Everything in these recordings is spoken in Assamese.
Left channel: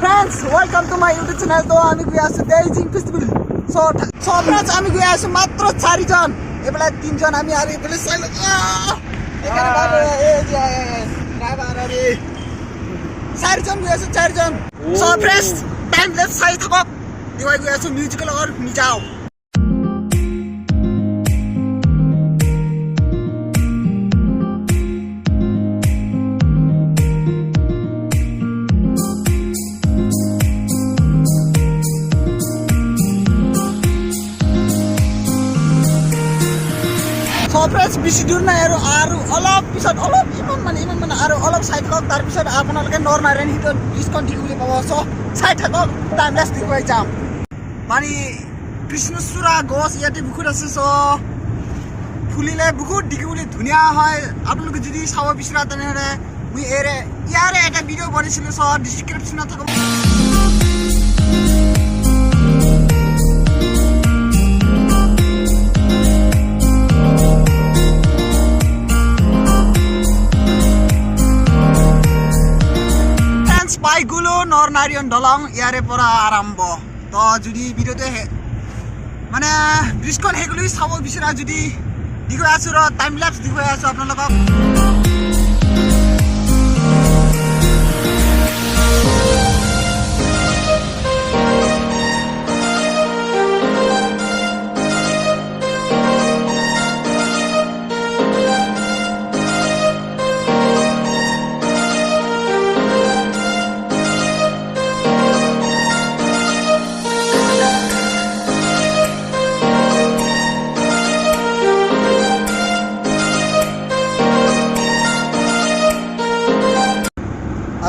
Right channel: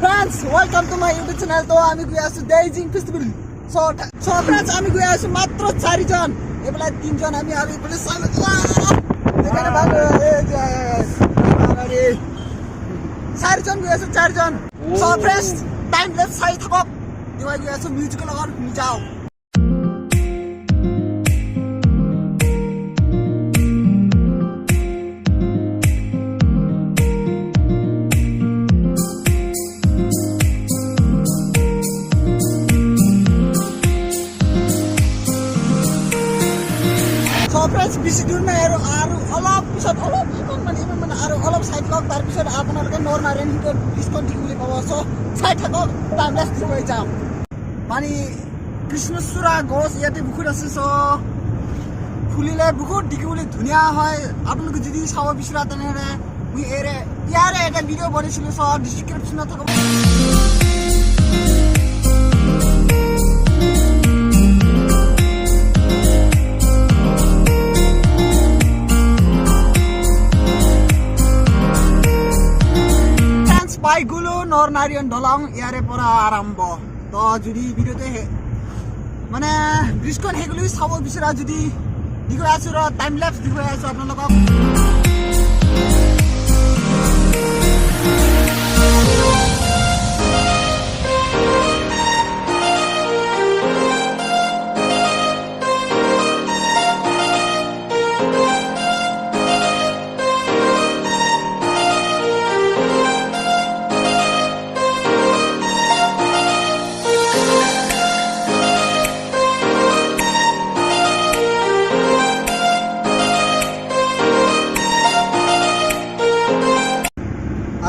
Friends, welcome to my YouTube channel. তো আমি গিয়ে আছি বেইজিং ফেস্টিভ্যাল। সো friends, আমি গিয়ে আছি মাত্র 4 জন। এবেলা 3 জন আমি আর এবেলা সাইল। এখানে ভালো এই যে ড্রাইভার আরে 4 জন গিয়ে আছে 4 জন। So friends, time left side থাকক। দিওয়াই গিয়ে আছে মিউজিক্যাল লগর নি যাও। ফ্রেন্ডছ বেছি দূৰ নাই আৰু অলপ পিছত ইমান মানে আৰু অলপ চাই থাকক তাৰপিছত আপোনালোকে নৰনাৰায়ণ হিটত ব্ৰিজখন দেখি বুলি পাব চ' চাই থাকক টাইমলেছ দেখুৱাই যাম মানে কৃষ্ণচূড়া গছ ইয়াতে বহুত আছে চ' ফুলিলে বহুত দেখিবলৈ ধুনীয়া হয় আপোনালোকে যদি চাব বিচৰা তেনেহ'লে মই ইয়াৰে এটা ভিডিঅ' বনাইছিলোঁ চ' ডিছক্ৰিপশ্যনত থাকক পাইগুলো নৰনাৰায়ণ দলং ইয়াৰে পৰা আৰম্ভ তো যদি ভিডিঅ'তে মানে ব্ৰিজখন সেইগুলো চাব বিচৰা যদি দেখুৱাই আছোঁ টাইম লেপছ দেখুৱাই আছোঁ আপোনালোকক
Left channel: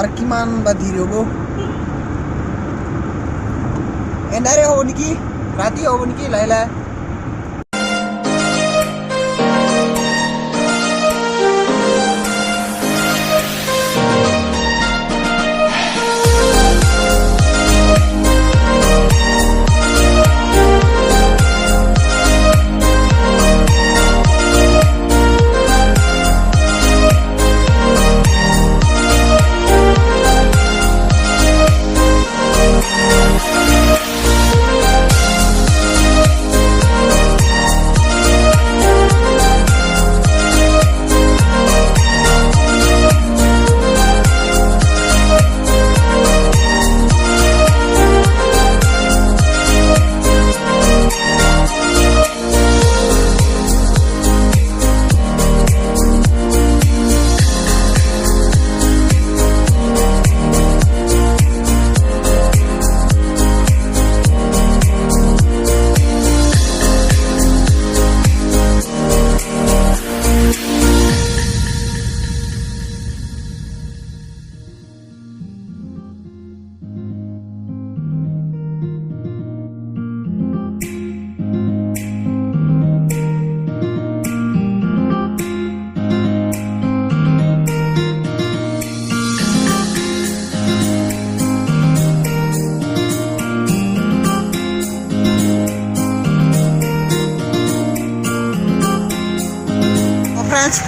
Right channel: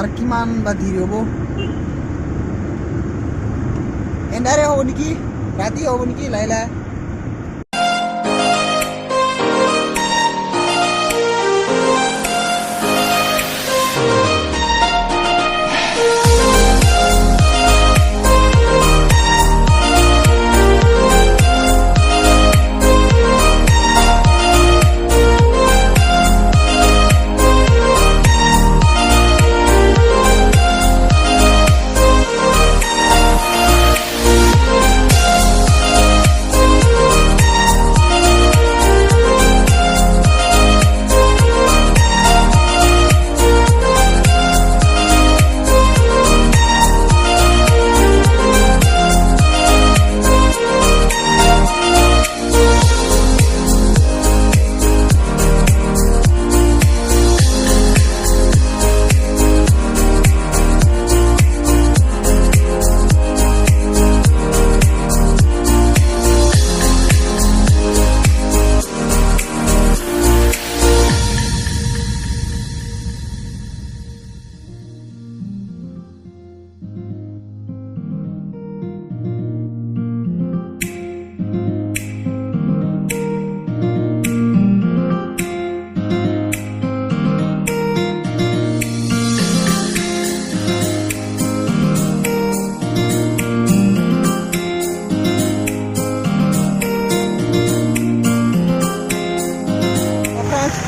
আৰ কিমান বা দেৰি হ'ব এন্ধাৰে হ'ব নেকি ৰাতি হ'ব নেকি লাহে লাহে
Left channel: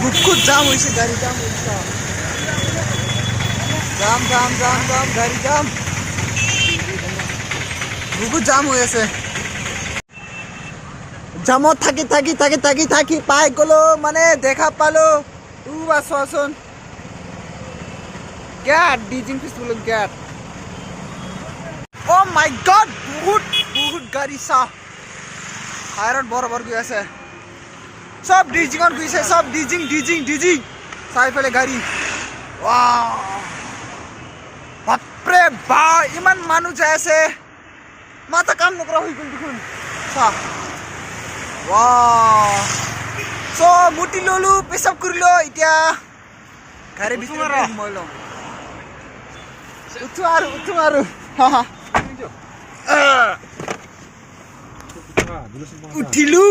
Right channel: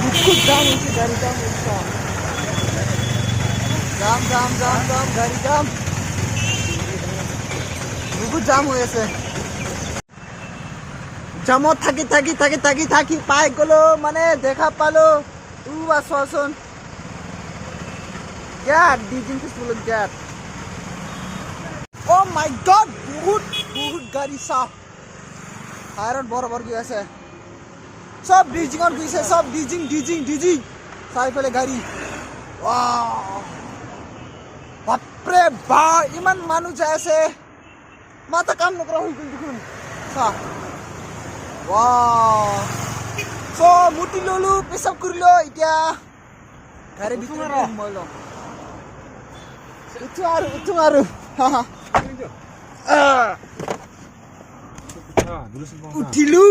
বহুত জাম হৈছে গাড়ী জাম হৈছে জাম গাড়ী জাম বহুত জাম হৈ আছে জামত থাকি পাই গ'লো মানে দেখা পালো বা চোৱাচোন গেট ডিজিং ফেষ্টিভেলৰ গেট অ' মাই গড বহুত গাড়ী চাহ হাইৰত বৰাবৰ গৈ আছে সব ডিজিঙত গৈছে সব ডিজিং চাৰিফালে গাড়ী বাপৰে বা ইমান মানুহ যাই আছে মাথা কাম নকৰা হৈ গ'ল দেখোন চাহ চ' মুটি ললো পেচাব কৰিলো এতিয়া গাড়ী ভিতৰত সোমাই ল'ম উঠো আৰু উঠিলো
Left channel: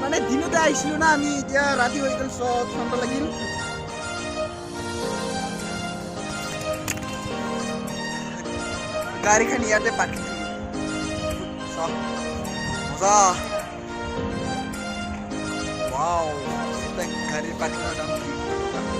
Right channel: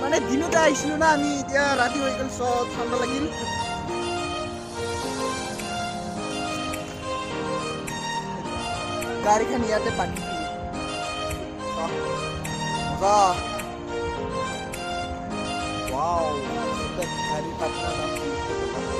মানে দিনতে আহিছিলো না আমি এতিয়া ৰাতি হৈ গ'ল ঠাণ্ডা লাগিল গাড়ীখন ইয়াতে পাৰ্কিং দিলোঁ মজা ৱাও এটা গাড়ীৰ পাৰ্কিঙৰ দাম 300 টকা